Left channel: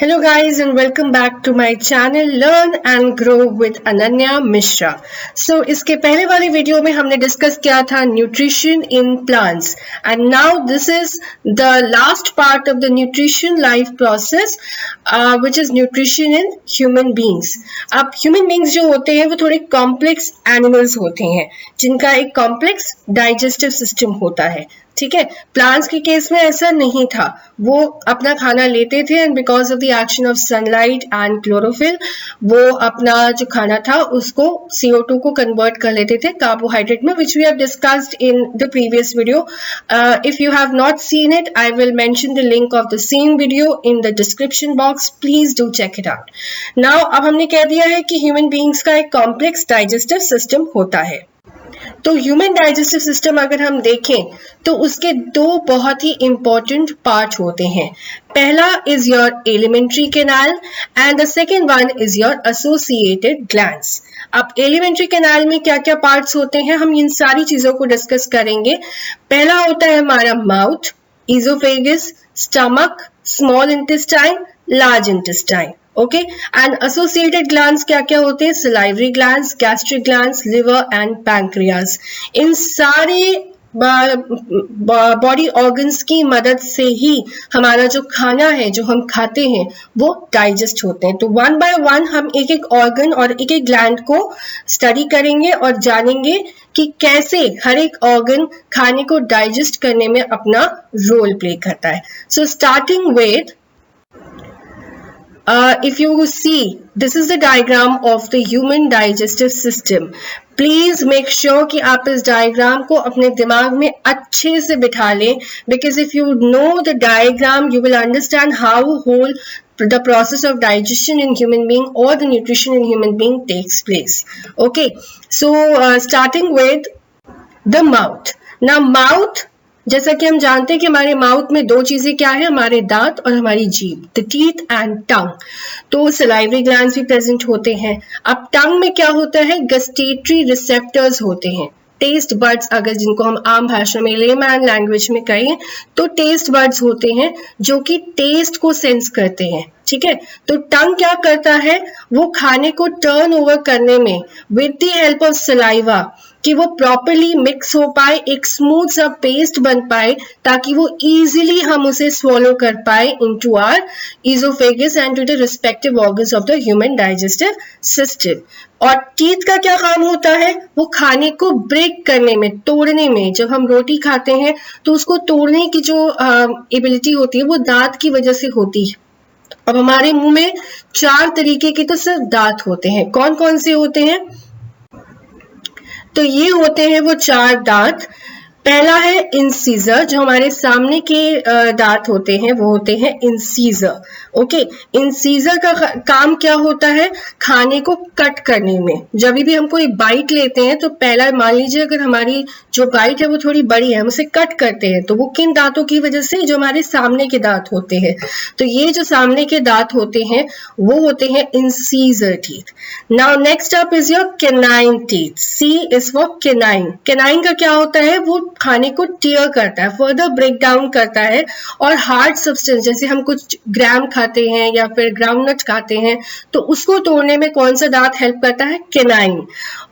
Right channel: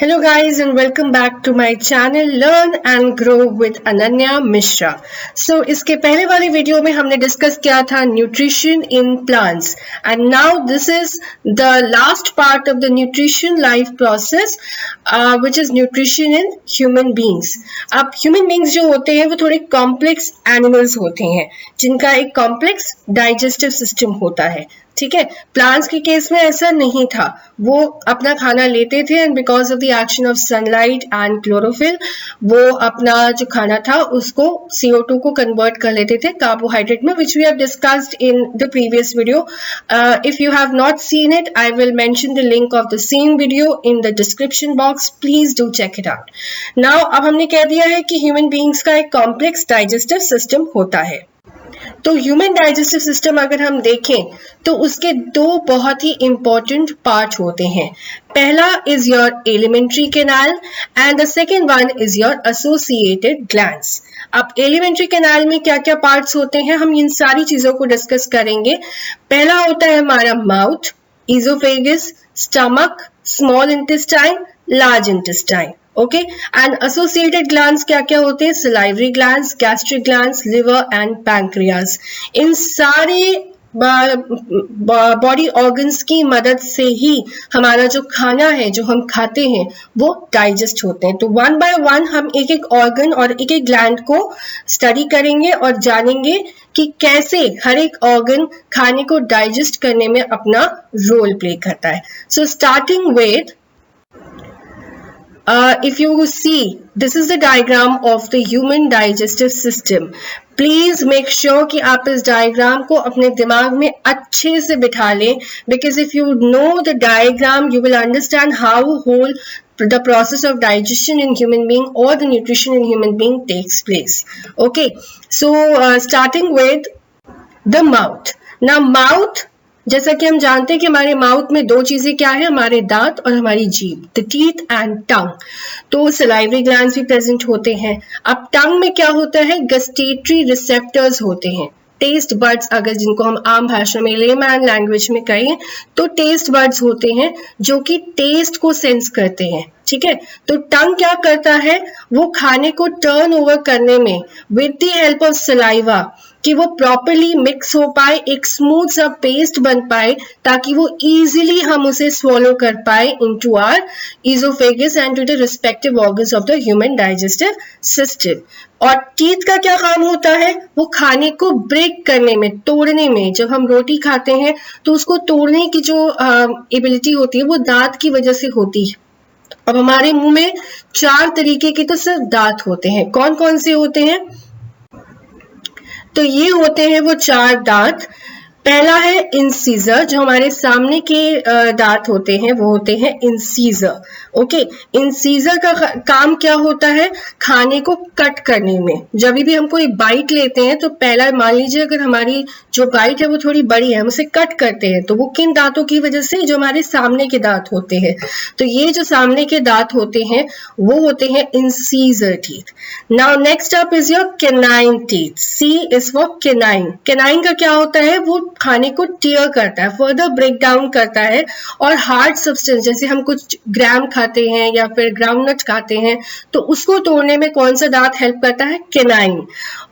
Hello guys and welcome back to my channel Learn and Grow with Ananya Mishra. So इसके पहले वाली video में हमने discuss किया था nutrition in plants and now this is the last part of the nutrition life process which is nutrition in human beings. अब human beings जो होते हैं वो थोड़े कॉम्प्लेक्स एनिमल्स होते हैं जिनका एक कॉम्प्लेक्स डाइजेस्टिव सिस्टम होता है. ठीक है, प्लांट्स के केस में ऐसा नहीं था. वो अपना खाना लेते थे and because of the action of sunlight and chlorophyll वो अपना जो खाना था उसको CO2 को कन्वर्ट कर लेते थे कार्बोहाइड्रेट में, which we have discussed in the previous video. If you have not seen it I will mention the link of the same video in the description box. Please do check it out. Now अब हमने कह दिया है कि human beings का एक complex digestive system होता है. तो ह्यूमन डाइजेस्टिव सिस्टम अगर हम देखें तो उसके दो बहुत ही इंपॉर्टेंट पार्ट होते हैं. पहला is your alimentary canal and the second one is your associated glands. अब एलिमेंट्री कैनाल में क्या क्या पार्ट्स होते हैं हम इन सारी चीजों को डिस्कस करेंगे. पहला होता है हमारा mouth, oesophagus, stomach, small intestine, large intestine. Okay, and associated glands क्या क्या होते हैं? Salivary glands, gastric glands, liver and pancreas. इन सारे बॉडी ऑर्गन्स की मदद से ही हमारा जो खाना है जो हम खाते हैं वो डाइजेस्ट होते हैं. तो वन बाय वन हम एक एक ऑर्गन और एक एक ग्लैंड को स्टडी करेंगे और जानेंगे कि कैसे हर एक ऑर्गन खाने को डाइजेस्ट करने में अपना रोल प्ले करता है. So starting with if you see, this is the diagram of the human digestive system. Please make sure कि आप इस डायग्राम को अपने दिमाग में अच्छे से बिठा लें, because if you know the diagram you will understand how whole the process of digestion in human being or the nutrition in human being takes place. Okay, so starting with the mouth. Now mouth, जैसा कि हम जानते हैं कि हमारे mouth में दो चीजें क्या है, हमारे दांत और हमारी जीभ, द टीथ एंड टंग. तो सलाइवरी ग्लैंड्स भी प्रेजेंट होते हैं. अब टंग में क्या होता है? गस्टेटरी रिसेप्टर्स होते हैं, टेस्ट बर्ड्स, अगर जिनको हम आम भाषा में लेमैन लैंग्वेज में कहें तो टेस्ट बर्ड्स होते हैं जो कि टेस्ट को सेंस करते हैं. ठीक है, तो टंग क्या करता है? वो खाने को टर्न ओवर करने में with the help of saliva कि वो प्रॉपरली मिक्स हो पाए, एक स्मूथ सा पेस्ट बन पाए ताकि वो इजीली हम उसे स्वॉलो कर पाए into our oesophagus and to the respective organs of the human digestive system. और टीथ का क्या काम होता है? वो खाने को ब्रेक करने में, तोड़ने में. जब हम रोटी खाते हैं तो उसको तोड़ने की जो एबिलिटी होती है वो दांत की वजह से होती है. अब हमारे मुंह में 4 तरीके के तो सिर्फ दांत होते हैं. कौन कौन से होते हैं? तो ये होते हैं वो 4 दांत. पहला है इंसीजर, जो हमारे सामने के दांत होते हैं वो होते हैं इंसीजर. ओके, इंसीजर का काम क्या होता है? खाने को कट करने में. जब भी हम कोई बाइट लेते हैं तो पहला, मान लीजिए अगर हमारी जो बाइट है वो थोड़ी बड़ी है, हम उसे कट करते हैं तो वो किन दांतों की वजह से? जो हमारे सामने के दांत होते हैं. तो ये जो सामने के दांत होते हैं वो होते हैं incisor teeth. Now next up is your canine teeth. C is for canine. Canine का क्या होता है? वो खाने को टीयर करता है, फर्दर ब्रेक डाउन करता है और हार्ड सब्सटेंस, जैसे हम कुछ ग्राम खाते हैं या फिर ग्राउंडनट खाते हैं तो उसको तोड़ने में कौन सा दांत हेल्प करता है? कैनाइन.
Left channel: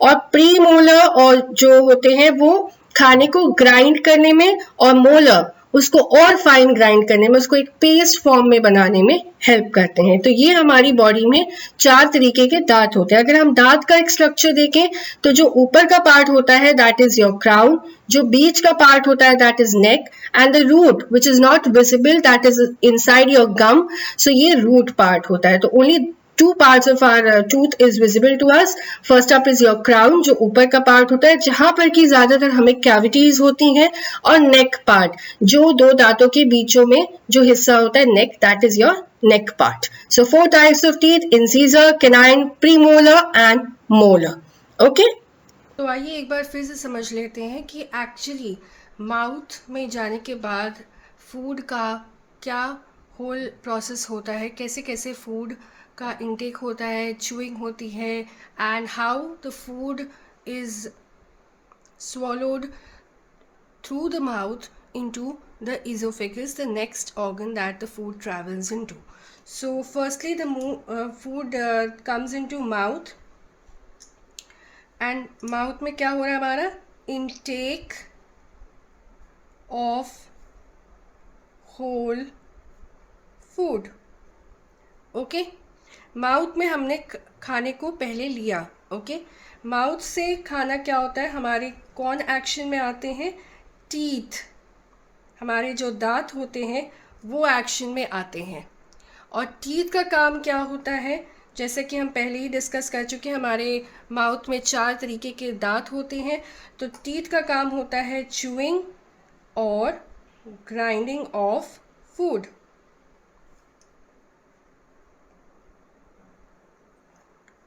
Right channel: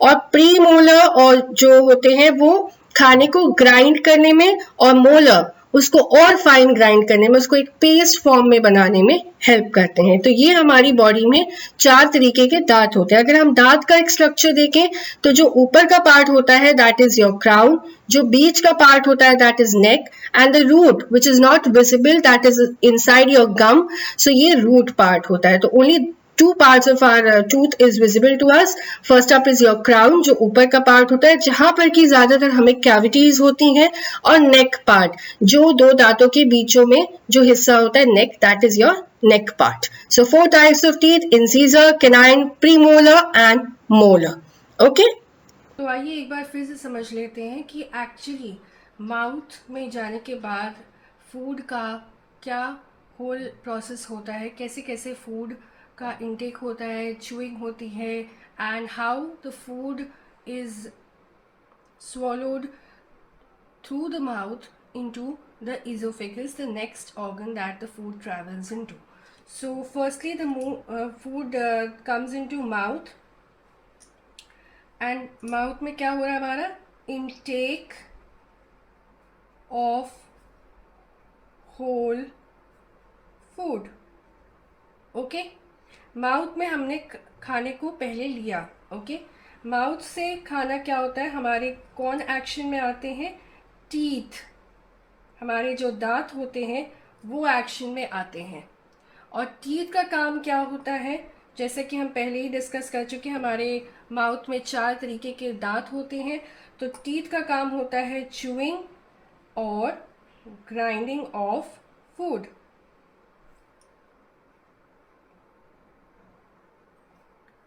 और प्रीमोलर और जो होते हैं वो खाने को ग्राइंड करने में, और मोलर उसको और फाइन ग्राइंड करने में, उसको एक पेस्ट फॉर्म में बनाने में हेल्प करते हैं. तो ये हमारी बॉडी में 4 तरीके के दांत होते हैं. अगर हम दांत का एक स्ट्रक्चर देखें तो जो ऊपर का पार्ट होता है दैट इज योर क्राउन, जो बीच का पार्ट होता है that is neck, and the root which is not visible that is inside your gum. So ये रूट पार्ट होता है. तो only 2 parts of our tooth is visible to us. First up is your crown, जो ऊपर का part होता है जहां पर कि ज्यादातर हमें कैविटीज होती हैं, और नेक पार्ट, जो 2 दांतों के बीचों में जो हिस्सा होता है neck, that is your neck part. So 4 types of teeth: incisor, canine, premolar and molar. Okay? तो आइए एक बार फिर से समझ लेते हैं कि एक्चुअली माउथ में जाने के बाद फूड का क्या होल प्रोसेस होता है, कैसे कैसे फूड का इंटेक होता है, चूइंग होती है, and how the food is swallowed through the mouth into the esophagus, the next organ that the food travels into. So firstly the food comes into mouth, and mouth में क्या हो रहा है हमारा? Intake of whole food. Okay, mouth में हमने खाने को पहले लिया. ओके, माउथ से खाना क्या होता है? हमारे कौन एक्शन में आते हैं? टीथ, हमारे जो दांत होते हैं वो एक्शन में आते हैं. और टीथ का काम क्या होता है? जैसे कि हम पहले ही डिस्कस कर चुके हैं, हमारे माउथ में 4 तरीके के दांत होते हैं. तो टीथ का काम होता है च्यूइंग और ग्राइंडिंग ऑफ फूड.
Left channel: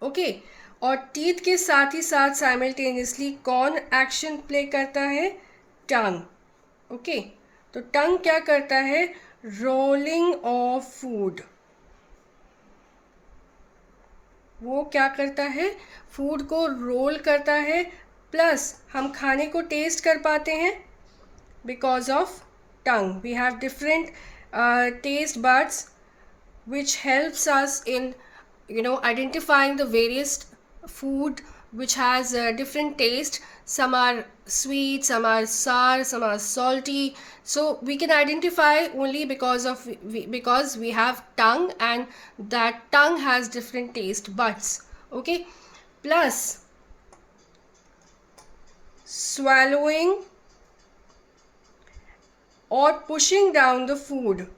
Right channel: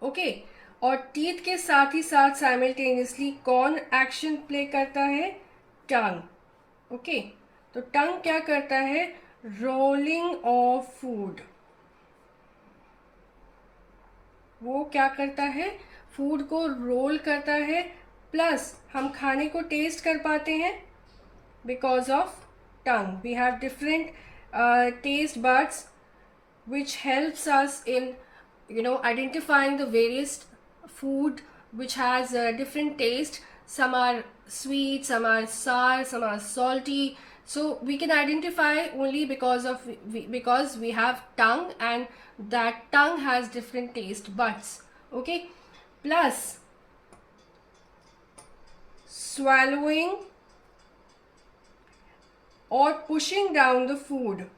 ओके, और टीथ के साथ ही साथ साइमल्टेनियसली कौन एक्शन प्ले करता है? टंग. ओके, तो टंग क्या करता है? Rolling of food. वो क्या करता है? फूड को रोल करता है. प्लस हम खाने को टेस्ट कर पाते हैं because of tongue. We have different taste buds which helps us in identifying the various food which has different taste. Some are sweet, some are sour, some are salty. So we can identify only because we have tongue, and that tongue has different taste buds. Okay, plus swallowing or pushing down the food.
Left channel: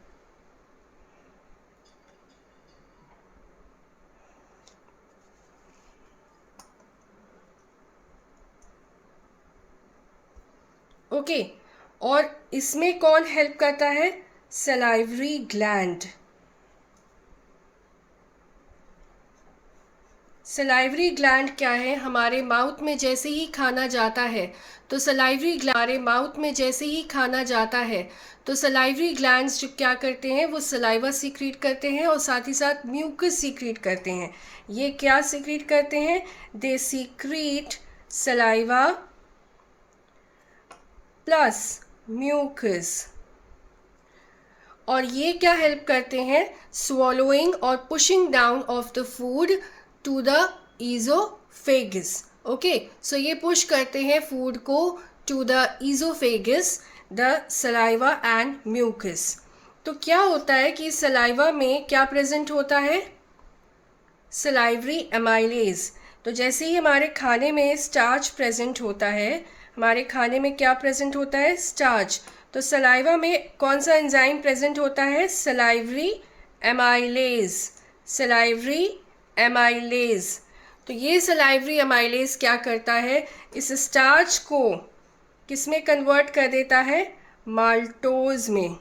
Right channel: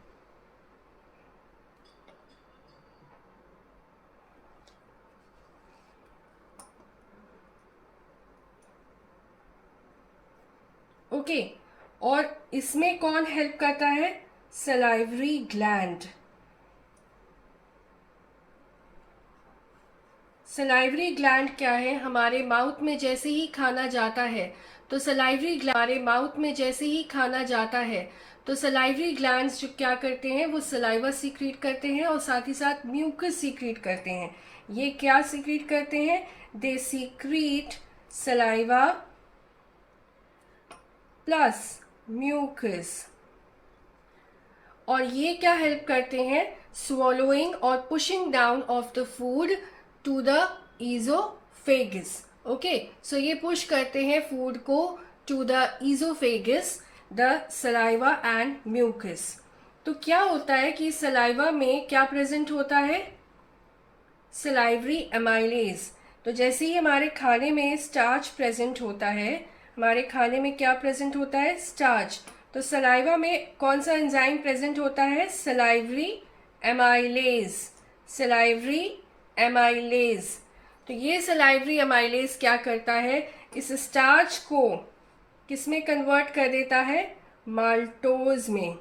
Okay, और इसमें कौन help करता है? Salivary gland. Salivary gland क्या है? हमारे mouth में जैसे ही खाना जाता है तो सलाइवरी हमारे माउथ में जैसे ही खाना जाता है तो सलाइवरी ग्लैंड्स जो क्या करते हैं? वो सलाइवा सीक्रेट करते हैं और साथ ही साथ म्यूकस सीक्रेट करते हैं. ये क्या सीक्रेट करते हैं? They secrete saliva plus mucus. और ये क्या हेल्प करते हैं? स्वॉलोइंग और pushing down of the food to the oesophagus. Okay, so ये पुश करते हैं फूड को to the oesophagus, the saliva and mucus. तो क्या होता है कि सलाइवा में क्या प्रेजेंट होता है? Salivary amylase. तो जैसे ही हमारे खाने में स्टार्च प्रेजेंट होता है, हमारे खाने में क्या प्रेजेंट होता है? स्टार्च. तो सलाइवा में कौन सा एंजाइम प्रेजेंट होता है? Salivary amylase. Salivary amylase. तो ये सलाइवरी एमाइलेज क्या करता है? इस स्टार्च को किस में कन्वर्ट कर देता है? माल्टोज में,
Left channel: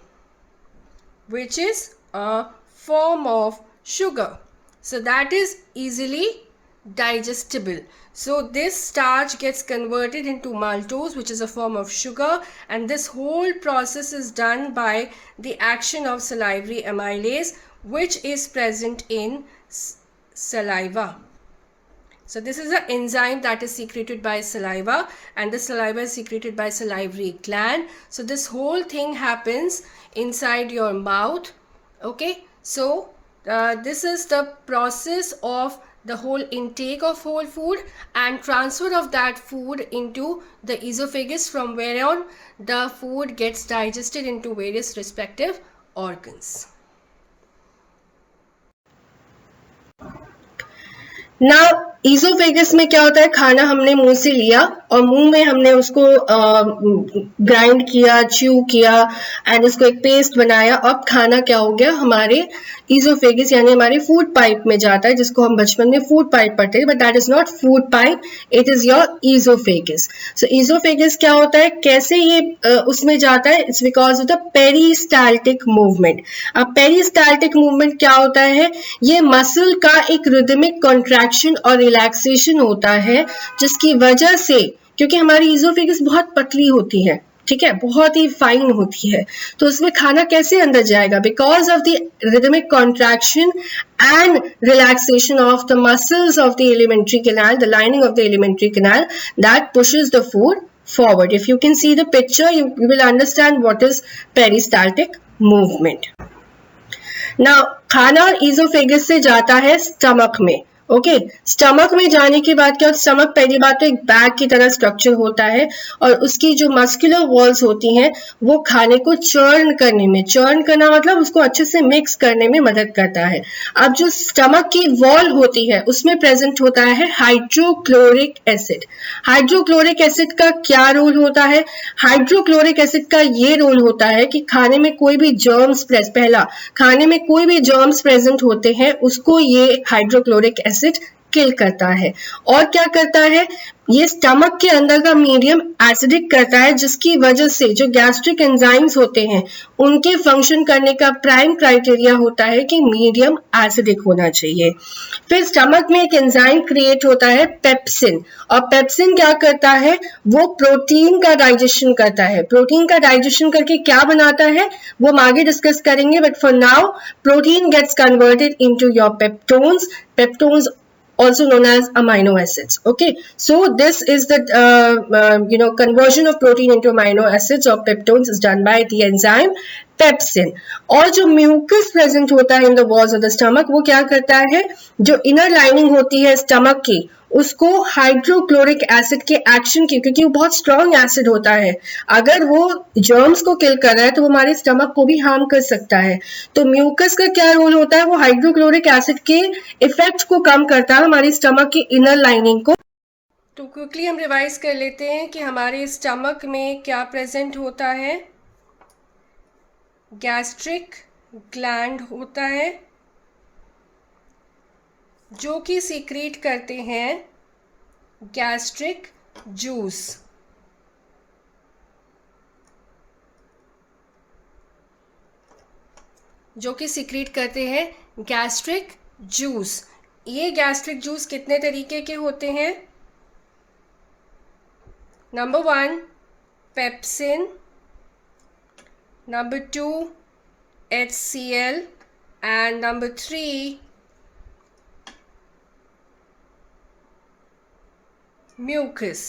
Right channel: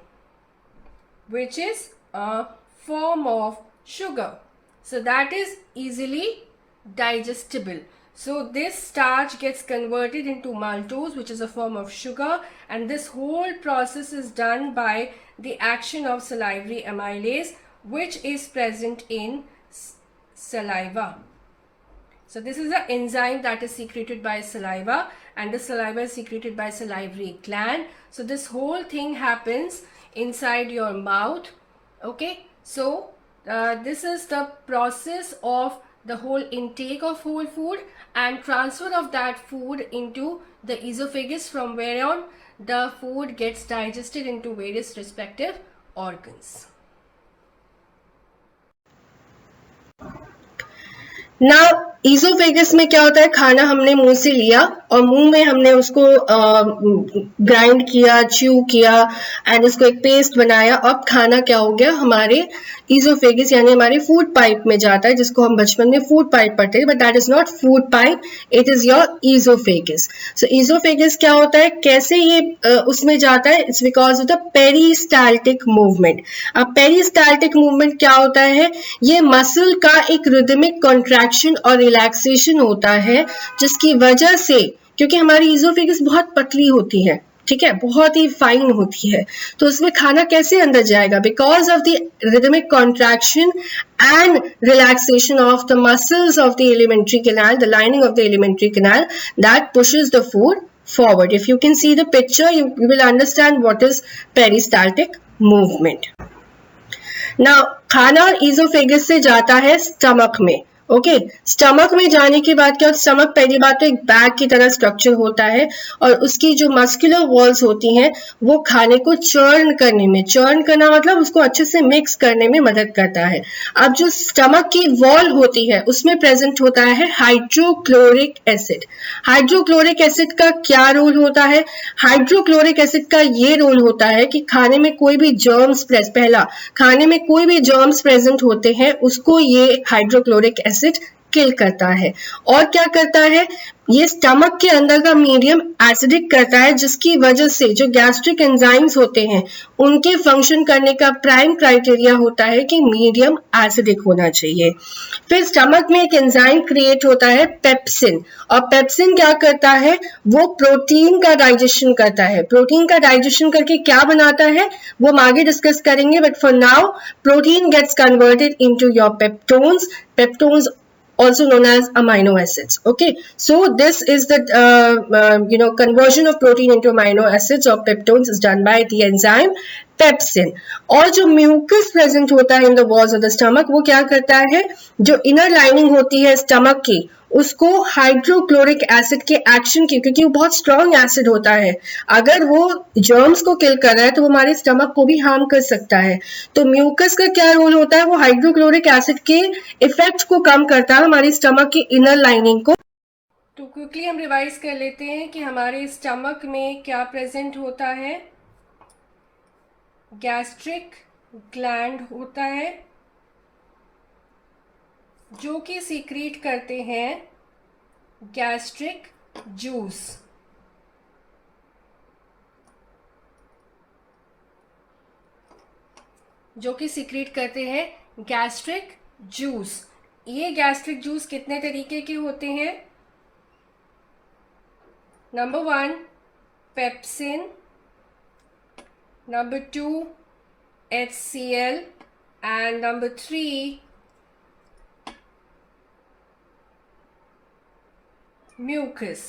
which is a form of sugar. So that is easily digestible. So this starch gets converted into maltose, which is a form of sugar, and this whole process is done by the action of salivary amylase, which is present in saliva. So this is an enzyme that is secreted by saliva, and the saliva is secreted by salivary gland. So this whole thing happens inside your mouth. Okay, so this is the process of the whole intake of whole food and transfer of that food into the esophagus, from where on the food gets digested into various respective organs. Now oesophagus में क्या होता है? खाना हमने मुंह से लिया और मुंह में हमने उसको ग्राइंड किया, च्यू किया एंड उसको एक पेस्ट बनाया. अब खाना क्या हो गया? हमारे ईसोफेगस यानी हमारे फूड पाइप में जाता है, जिसको हम बचपन में फूड पाइप पढ़ते हैं, but that is not food pipe, it is your oesophagus. So oesophagus क्या होता है? कैसे ये उसमें जाता है? It's because of the peristaltic movement. अब पेरिस्टाल्टिक मूवमेंट क्या होता है? ये मसल का एक रिदमिक कॉन्ट्रैक्शन और रिलैक्सेशन होता है, जिसकी वजह से, क्योंकि हमारी ईसोफेगस बहुत पतली होती है, ठीक है, बहुत ही फाइन होती है, तो उसमें खाना कैसे अंदर जाएगा? Because of the rhythmic contraction and relaxation of the muscles of the alimentary canal, the lining of the alimentary canal, that pushes the food forward. If you can see the picture, you will understand what is peristaltic movement. ना खाना oesophagus से जाता है stomach में। Okay, stomach में जाने के बाद क्या, स्टमक पहली बात तो एक बैग की तरह स्ट्रक्चर होता है और उसकी जो मस्कुलर वॉल्स होती हैं वो खाने को चर्न करने में, चर्न करना मतलब उसको अच्छे से मिक्स करने में मदद करता है। अब जो स्टमक की वॉल होती है उसमें प्रेजेंट होता है हाइड्रोक्लोरिक एसिड। हाइड्रोक्लोरिक एसिड का क्या रोल होता है? हाइड्रोक्लोरिक एसिड का ये रोल होता है कि खाने में कोई भी जर्म्स पहला, खाने में कोई भी जर्म्स प्रेजेंट होते हैं उसको ये हाइड्रोक्लोरिक एसिड किल करता है। और क्या करता है, ये स्टमक के अंदर का मीडियम एसिडिक करता है, जिसकी वजह से जो गैस्ट्रिक एंजाइम्स होते हैं उनके फंक्शन करने का प्राइम क्राइटेरिया होता है कि मीडियम एसिडिक होना चाहिए। फिर स्टमक में एक एंजाइम क्रिएट होता है पेप्सिन, और पेप्सिन क्या करता है, वो प्रोटीन का डाइजेशन करता है। प्रोटीन का डाइजेशन करके क्या बनाता है वो हम आगे डिस्कस करेंगे, but for now protein gets converted into your peptones, peptones also known as amino acids. Okay, so this is the conversion of protein into amino acids or peptones is done by the enzyme pepsin. और जो mucus present होता है in the walls of the stomach वो क्या करता है, जो inner lining होती है स्टमक की उसको हाइड्रोक्लोरिक एसिड के एक्शन की, क्योंकि वो बहुत स्ट्रॉन्ग एसिड होता है, अगर वो जर्म्स को किल कर रहा है तो वो हमारे स्टमक को भी हार्म कर सकता है। तो म्यूकस का क्या रोल होता है, वो हाइड्रोक्लोरिक एसिड के इफेक्ट को कम करता है हमारी स्टमक की इनर लाइनिंग को। तो क्विकली हम रिवाइज कर लेते हैं कि हमारे स्टमक में क्या प्रेजेंट होता है। गैस्ट्रिक ग्लैंड होता है जो कि सीक्रेट करते हैं गैस्ट्रिक जूस। जो कि सीक्रेट करते हैं गैस्ट्रिक जूस। ये गैस्ट्रिक जूस कितने तरीके के होते हैं? Number 1 pepsin, number 2 HCl and number 3 mucus.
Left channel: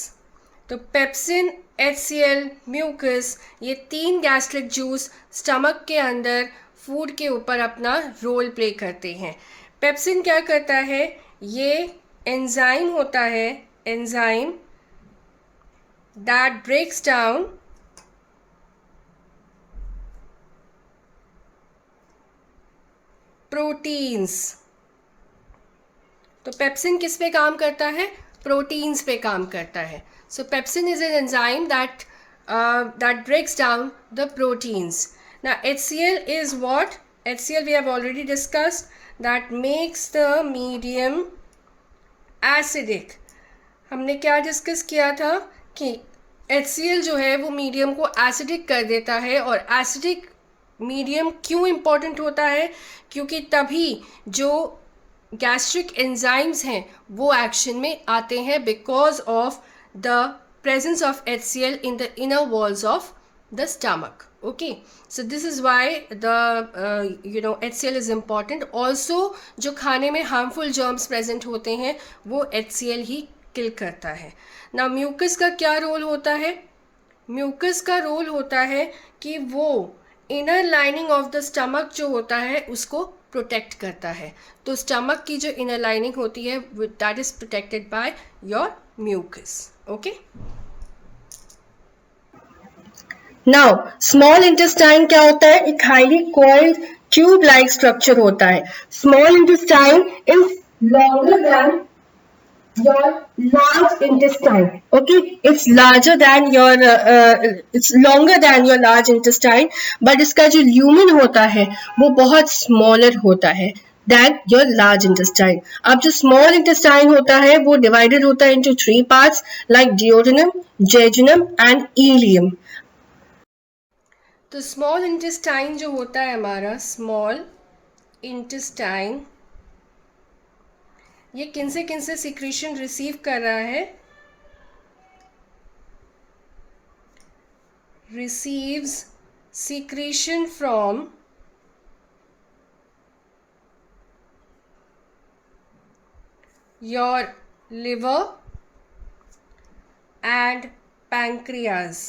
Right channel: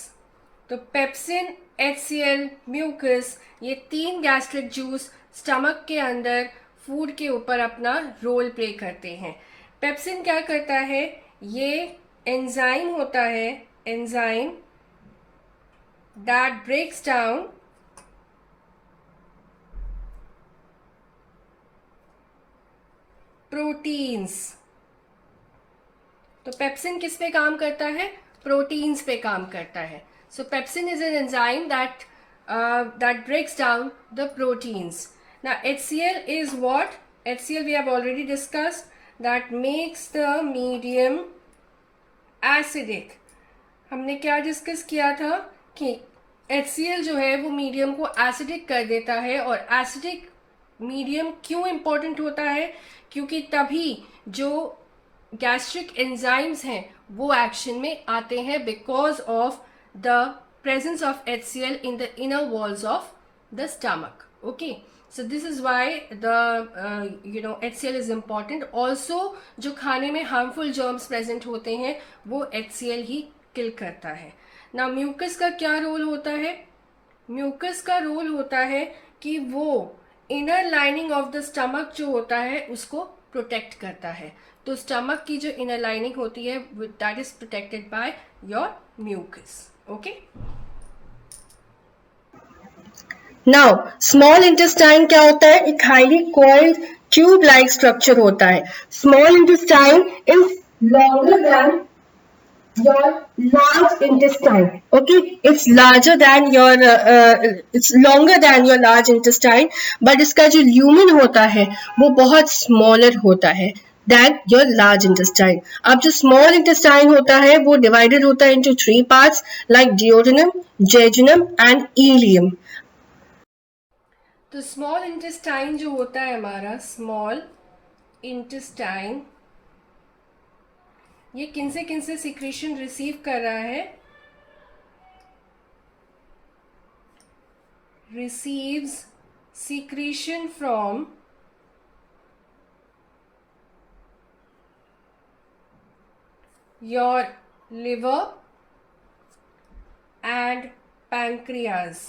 तो पेप्सिन, HCl, म्यूकस, ये 3 गैस्ट्रिक जूस स्टमक के अंदर फूड के ऊपर अपना रोल प्ले करते हैं। पेप्सिन क्या करता है, ये एंजाइम होता है, enzyme that breaks down proteins. तो पेप्सिन किस पे काम करता है? प्रोटीन्स पे काम करता है। सो pepsin is an enzyme that breaks down the proteins. Now HCl is what? HCl we have already discussed, that makes the medium acidic. हमने क्या डिस्कस किया था कि HCl जो है वो मीडियम को एसिडिक कर देता है। और एसिडिक मीडियम क्यों इम्पॉर्टेंट होता है? क्योंकि तभी जो गैस्ट्रिक एंजाइम्स हैं वो एक्शन में आते हैं, because of the presence of HCl in the inner walls of the stomach. Okay, so this is why the HCl is important. Also जो खाने में harmful germs present होते हैं वो HCl ही किल करता है। ना म्यूकस का क्या रोल होता है? म्यूकस का रोल होता है कि वो inner lining of the stomach जो होता है उसको प्रोटेक्ट करता है। तो स्टमक की जो इनर लाइनिंग होती है that is protected by your mucus. Okay, now small intestine क्या होता है, एक highly coiled tube like structure होता है। Small intestine is longer than your large intestine. Okay, it's larger than your it's longer than your large intestine, but इसका जो lumen होता है वो बहुत smaller होता है than your large intestine. अब जो small intestine होता है वो divided होता है into 3 parts like duodenum, jejunum and ileum. तो स्मॉल इंटेस्टाइन जो होता है हमारा स्मॉल इंटेस्टाइन, ये किन से सिक्रीशन रिसीव कर रहा है? Receives secretion from your liver and pancreas.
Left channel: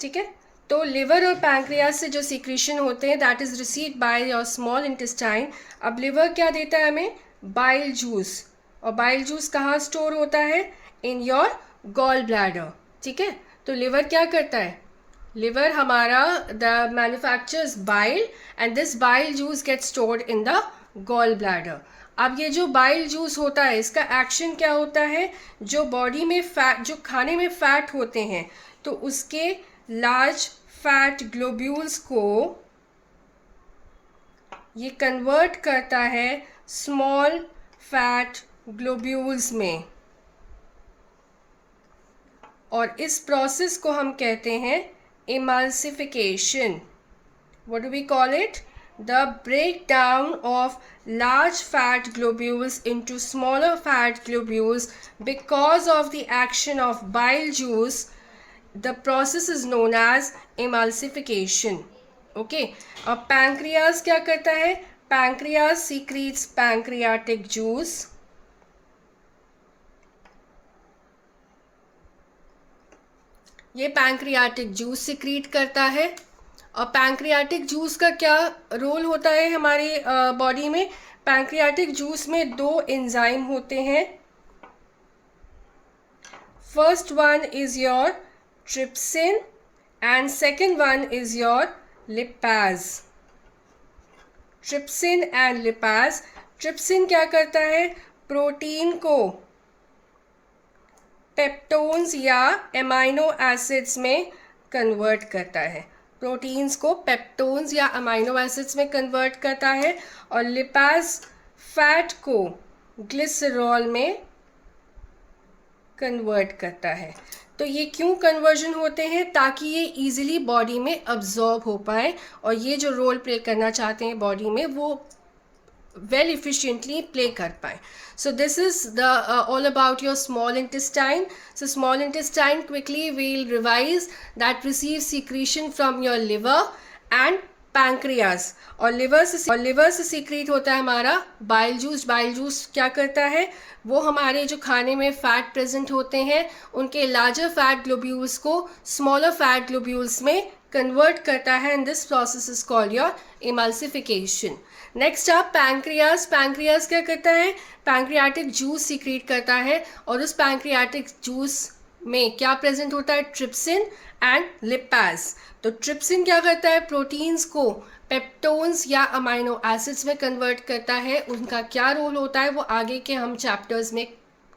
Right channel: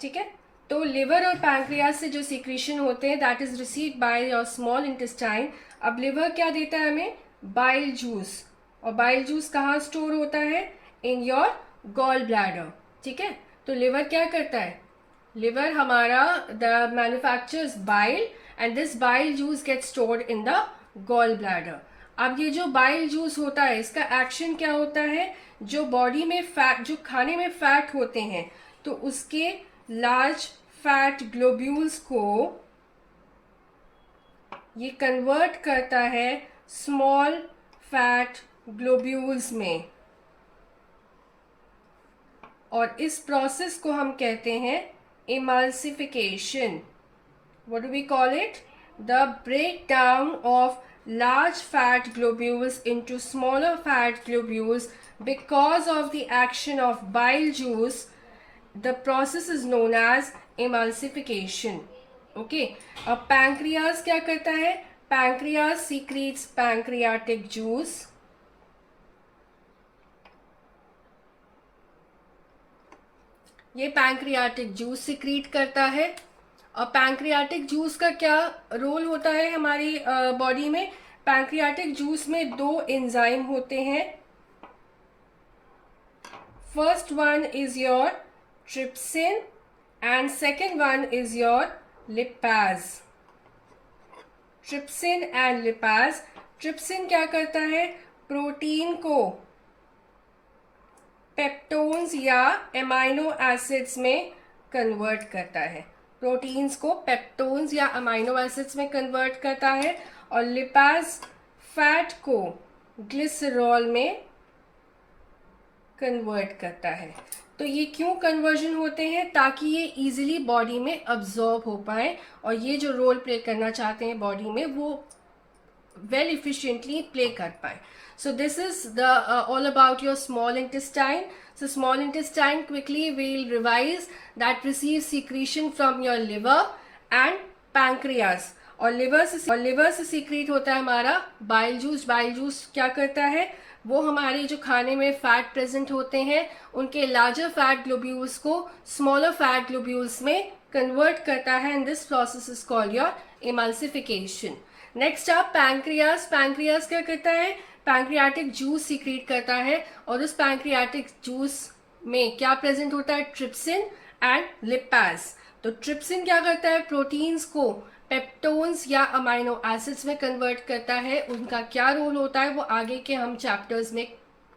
ठीक है, तो लिवर और पैंक्रियास से जो सीक्रेशन होते हैं that is received by your small intestine. अब लिवर क्या देता है हमें? Bile juice. और बाइल जूस कहाँ स्टोर होता है? In your gall bladder. ठीक है, तो लिवर क्या करता है? लिवर हमारा the manufactures bile and this bile juice get stored in the gall bladder. अब ये जो बाइल जूस होता है इसका एक्शन क्या होता है? जो बॉडी में फैट, जो खाने में फैट होते हैं, तो उसके लार्ज फैट ग्लोब्यूल्स को ये कन्वर्ट करता है स्मॉल फैट ग्लोब्यूल्स में. और इस प्रोसेस को हम कहते हैं emulsification. What do we call it? The breakdown of large fat globules into smaller fat globules because of the action of bile juice. The process is known as emulsification. Okay. अब pancreas क्या करता है? Pancreas secretes pancreatic juice. ये pancreatic juice secrete करता है. और pancreatic juice का क्या रोल होता है हमारी बॉडी में? पैंक्रियाटिक जूस में दो एंजाइम होते हैं. First one is your trypsin and second one is your lipase. Trypsin and lipase. Trypsin क्या करता है? प्रोटीन को पेप्टोन्स या एमाइनो एसिड्स में कन्वर्ट करता है. प्रोटीन्स को पेप्टोन्स या अमाइनो एसिड्स में कन्वर्ट करता है. और लिपाज फैट को ग्लिसरॉल में कन्वर्ट करता है. तो ये क्यों कन्वर्जन होते हैं? ताकि ये इजीली बॉडी में अब्जॉर्ब हो पाए और ये जो रोल प्ले करना चाहते हैं बॉडी में वो well efficiently play कर पाए. So this is the all about your small intestine. So small intestine quickly will revise that receives secretion from your liver and pancreas. और लिवर से सीक्रेट होता है हमारा बाइल जूस. बाइल जूस क्या करता है? वो हमारे जो खाने में फैट प्रेजेंट होते हैं उनके लार्जर फैट ग्लोब्यूल्स को स्मॉलर फैट ग्लोब्यूल्स में कन्वर्ट करता है and this process is called your emulsification. Next आप पैंक्रियास. पैंक्रियास क्या करता है? पैंक्रियाटिक जूस सीक्रेट करता है और उस पैंक्रियाटिक जूस में क्या प्रेजेंट होता है? Trypsin and lipase. तो ट्रिप्सिन क्या करता है? प्रोटीन्स को पेप्टोन्स या अमाइनो एसिड्स में कन्वर्ट करता है. उनका क्या रोल होता है वो आगे के हम चैप्टर्स में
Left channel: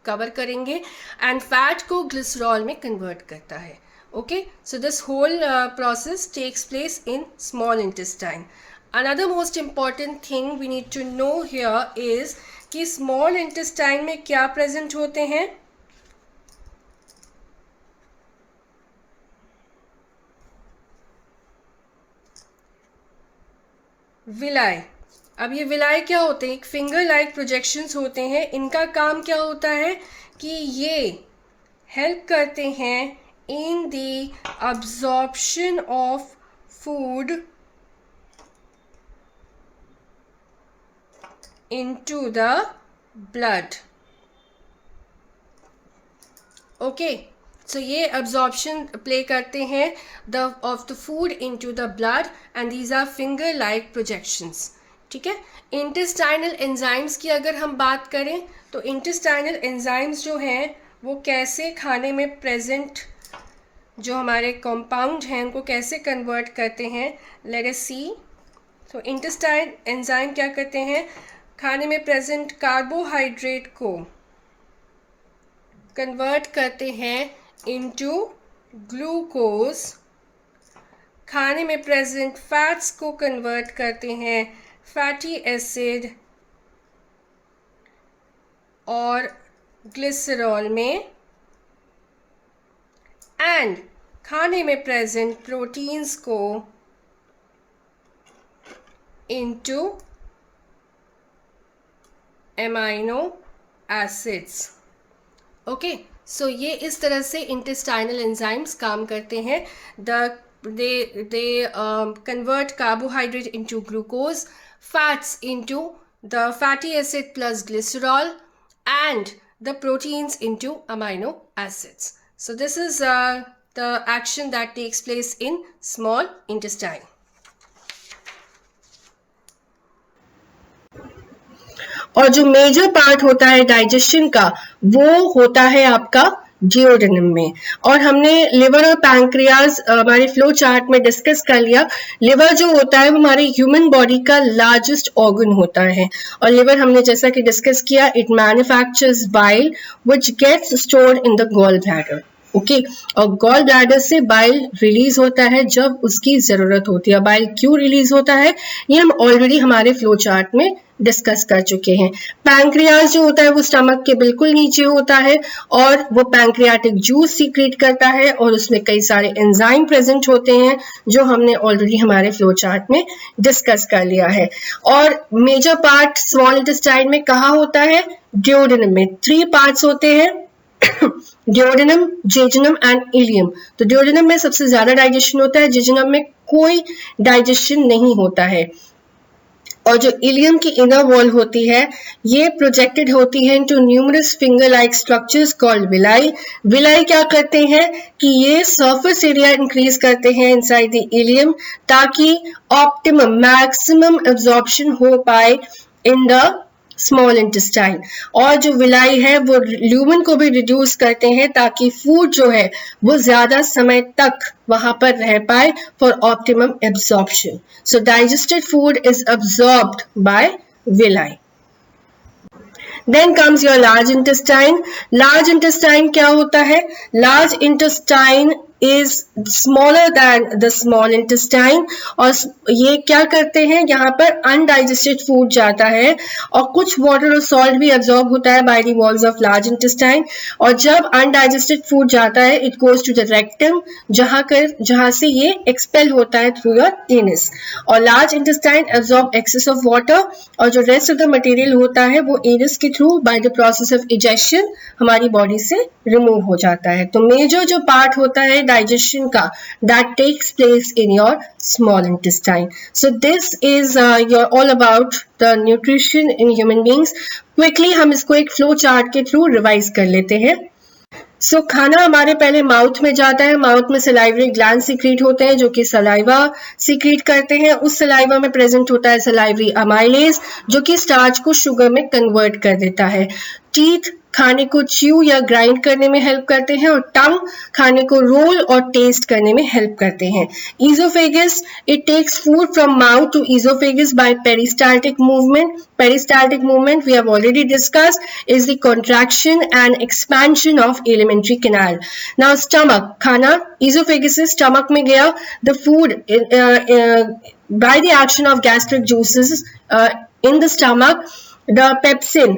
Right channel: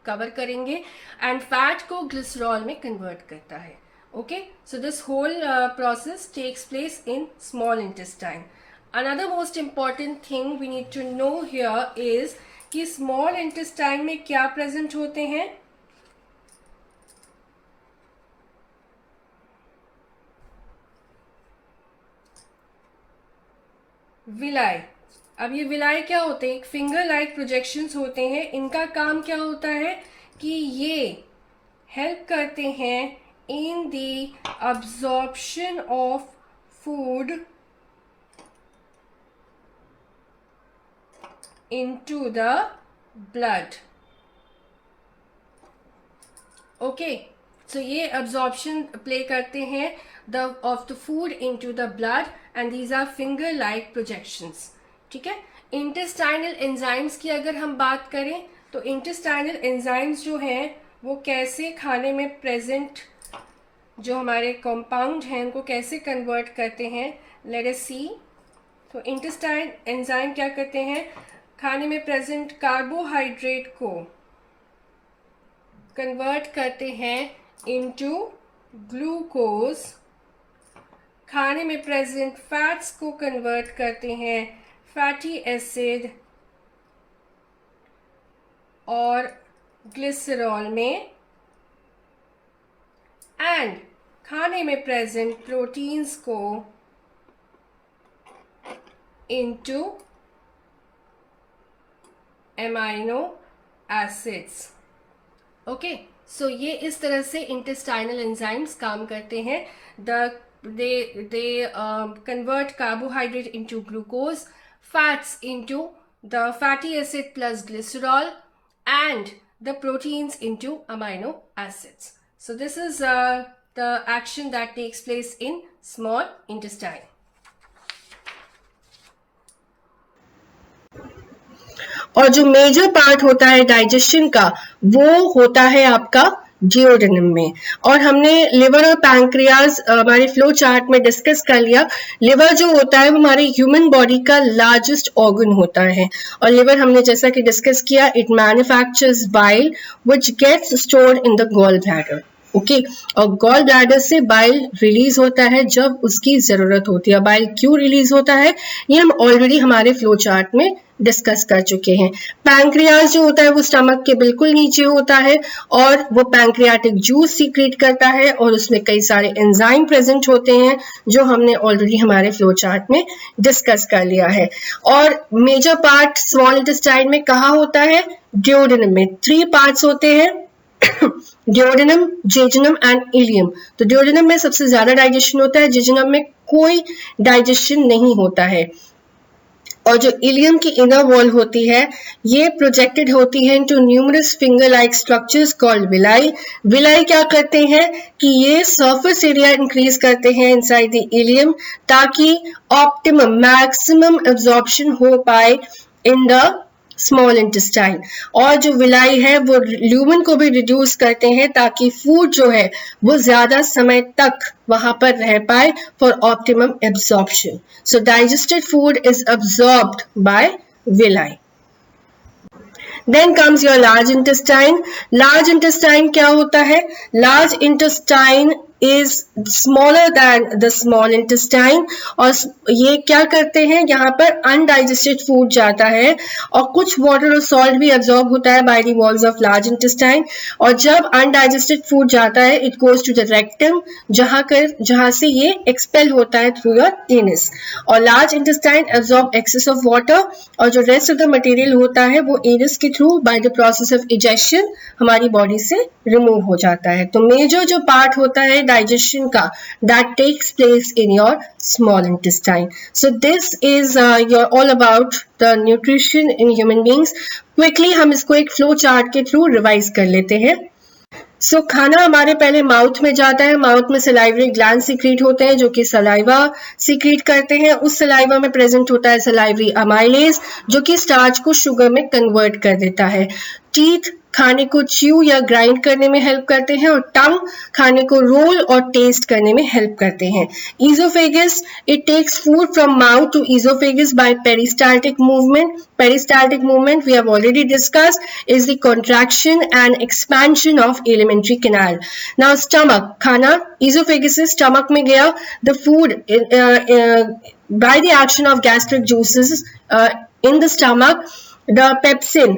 कवर करेंगे. एंड फैट को ग्लिसरॉल में कन्वर्ट करता है. Okay, so this whole process takes place in small intestine. Another most important thing we need to know here is कि small intestine में क्या present होते हैं? विलाय. अब ये विलाय क्या होते हैं? एक फिंगर लाइक प्रोजेक्शंस होते हैं. इनका काम क्या होता है कि ये हेल्प करते हैं in the absorption of food into the blood. Okay, so ये absorption play करते हैं of the food into the blood and these are finger like projections. ठीक है. intestinal enzymes की अगर हम बात करें तो intestinal enzymes जो हैं वो कैसे खाने में present जो हमारे कंपाउंड हैं उनको कैसे कन्वर्ट करते हैं? लेट अस सी. तो इंटेस्टाइन एंजाइम क्या करते हैं? खाने में प्रेजेंट कार्बोहाइड्रेट को कन्वर्ट करते हैं इनटू ग्लूकोज. खाने में प्रेजेंट फैट्स को कन्वर्ट करते हैं फैटी एसिड और ग्लिसरॉल में. एंड खाने में प्रेजेंट प्रोटीन्स को into amino acids. Okay, so ये इस तरह से इंटेस्टाइनल एंजाइम्स काम करते हैं. they convert carbohydrate into glucose, fats into the fatty acid plus glycerol and the proteins into amino acids. So this is the action that takes place in small intestine. और जो major part होता है digestion का वो होता है आपका जियोडेनम में। और हमने लिवर और पैंक्रियाज हमारे फ्लो चार्ट में डिस्कस कर लिया। लिवर जो होता है वो हमारे ह्यूमन बॉडी का लार्जेस्ट ऑर्गन होता है और लिवर हमने जैसा कि डिस्कस किया it manufactures bile which gets stored in the gall bladder. Okay और गॉल ब्लैडर से बाइल रिलीज होता है जब उसकी जरूरत होती है। बाइल क्यों रिलीज होता है ये हम ऑलरेडी हमारे फ्लो चार्ट में डिस्कस कर चुके हैं। पैंक्रियाज जो होता है वो स्टमक के बिल्कुल नीचे होता है और वो पैंक्रियाटिक जूस सीक्रेट करता है और उसमें कई सारे एंजाइम प्रेजेंट होते हैं जो हमने ऑलरेडी हमारे फ्लो चार्ट में डिस्कस कर लिया है। और मेजर पार्ट स्मॉल इंटेस्टाइन में कहाँ होता है? ड्यूोडेनम में। 3 पार्ट्स होते हैं ड्यूोडेनम, जेजुनम एंड इलियम। तो ड्यूोडेनम में सबसे ज्यादा डाइजेशन होता है, जेजुनम में कोई डाइजेशन नहीं होता है। और जो इलियम की इनर वॉल होती है ये प्रोजेक्टेड होती है into numerous finger like structures called villi. Villi क्या करते हैं कि ये सरफेस एरिया इंक्रीज करते हैं इनसाइड द इलियम ताकि ऑप्टिमम मैक्सिमम एब्जॉर्प्शन हो पाए इन द स्मॉल इंटेस्टाइन। और जो विलाई है वो ल्यूमन को भी रिड्यूस करते हैं ताकि फूड जो है वो ज्यादा समय तक वहां पर रह पाए for optimum absorption. So digested food is absorbed by villi. Then comes your large intestine. Large intestine क्या होता है? Large intestine is smaller than the small intestine और ये क्या करते हैं यहाँ पर undigested food जाता है और कुछ water और salt भी absorb होता है by the walls of large intestine और जब undigested food जाता है it goes to the rectum जहाँ से ये expel होता है through your anus और large intestine absorb excess of water और जो rest of the material होता है वो anus के through by the process of egestion हमारी body से remove हो जाता है। तो major जो part होता है digestion का that takes place in your small intestine. So this is your all about the nutrition in human beings. Quickly हम इसको एक flow chart के through revise कर लेते हैं। सो खाना हमारे पहले माउथ में जाता है। माउथ में सलाइवरी ग्लैंड सीक्रेट होते हैं जो कि सलाइवा सीक्रेट करते हैं। उस सलाइवा में प्रेजेंट होता है सलाइवरी अमाइलेज जो कि स्टार्च को शुगर में कन्वर्ट कर देता है। टीथ खाने को च्यू या ग्राइंड करने में हेल्प करते हैं और टंग खाने को रोल और टेस्ट करने में हेल्प करते हैं। Oesophagus it takes food from mouth to oesophagus by peristaltic movement. Peristaltic movement we have already discussed is the contraction and expansion of alimentary canal. Now stomach खाना ईजोफेगस से stomach में गया। The food by the action of gastric juices in the stomach the pepsin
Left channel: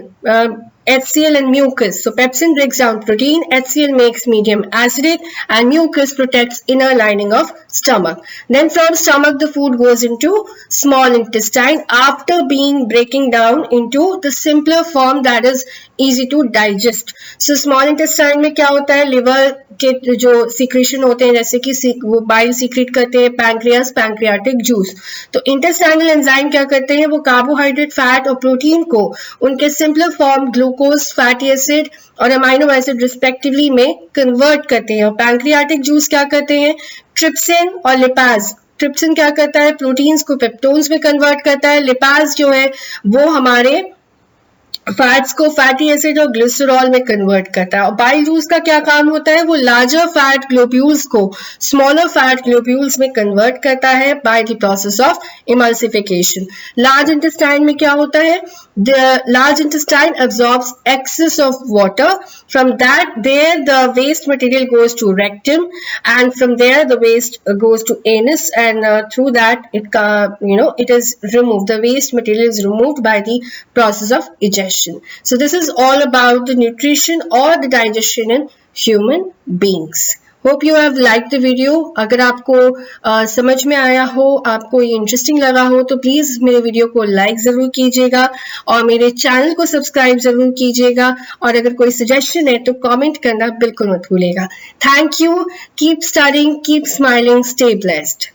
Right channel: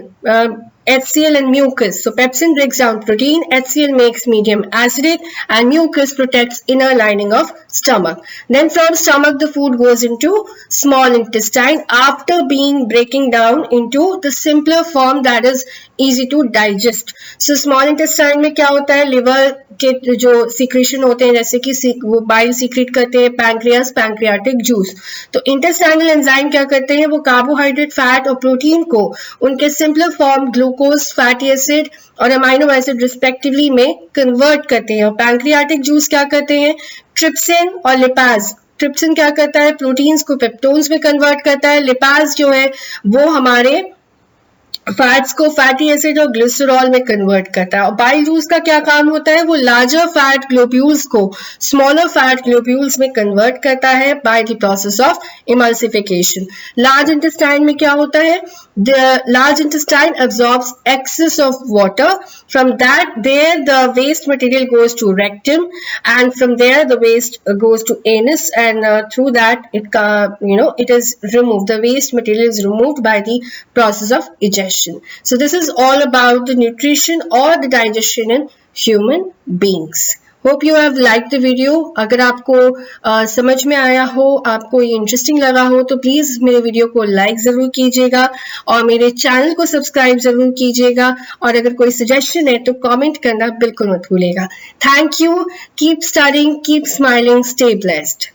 HCl and mucus. So pepsin breaks down protein, HCl makes medium acidic and mucus protects inner lining of stomach. Then from stomach the food goes into small intestine after being breaking down into the simpler form that is easy to digest. So small intestine में क्या होता है? Liver के जो secretion होते हैं जैसे कि वो बाइल सीक्रेट करते हैं पैंक्रियास पैंक्रियाटिक जूस। तो इंटेस्टाइनल एंजाइम क्या करते हैं? वो कार्बोहाइड्रेट फैट और प्रोटीन को उनके simpler form glucose fatty acid और अमाइनो एसिड रिस्पेक्टिवली में कन्वर्ट करते हैं। और पैंक्रियाटिक जूस क्या करते हैं? ट्रिप्सिन और लिपाज। ट्रिप्सिन क्या करता है? प्रोटीन्स को पेप्टोन्स में कन्वर्ट करता है। लिपाज जो है वो हमारे फैट्स को फैटी एसिड और ग्लिसरॉल में कन्वर्ट करता है। और बाइल जूस का क्या काम होता है? वो लार्जर फैट ग्लोब्यूल्स को स्मॉलर फैट ग्लोब्यूल्स में कन्वर्ट करता है by the process of emulsification. Large intestine में क्या होता है? The large intestine absorbs excess of water. From that, the waste material goes to rectum, and from there the waste goes to anus, and through that it is removed. The waste material is removed by the process of egestion. So this is all about the nutrition or the digestion in human beings. Hope you have like the video. अगर आपको समझ में आया हो, आपको ये interesting लगा हो तो प्लीज मेरे वीडियो को लाइक जरूर कीजिएगा और मेरे चैनल को सब्सक्राइब जरूर कीजिएगा। और अगर कोई सजेशन है तो कमेंट करना बिल्कुल मत भूलिएगा। Thank you. Keep studying, keep smiling, stay blessed.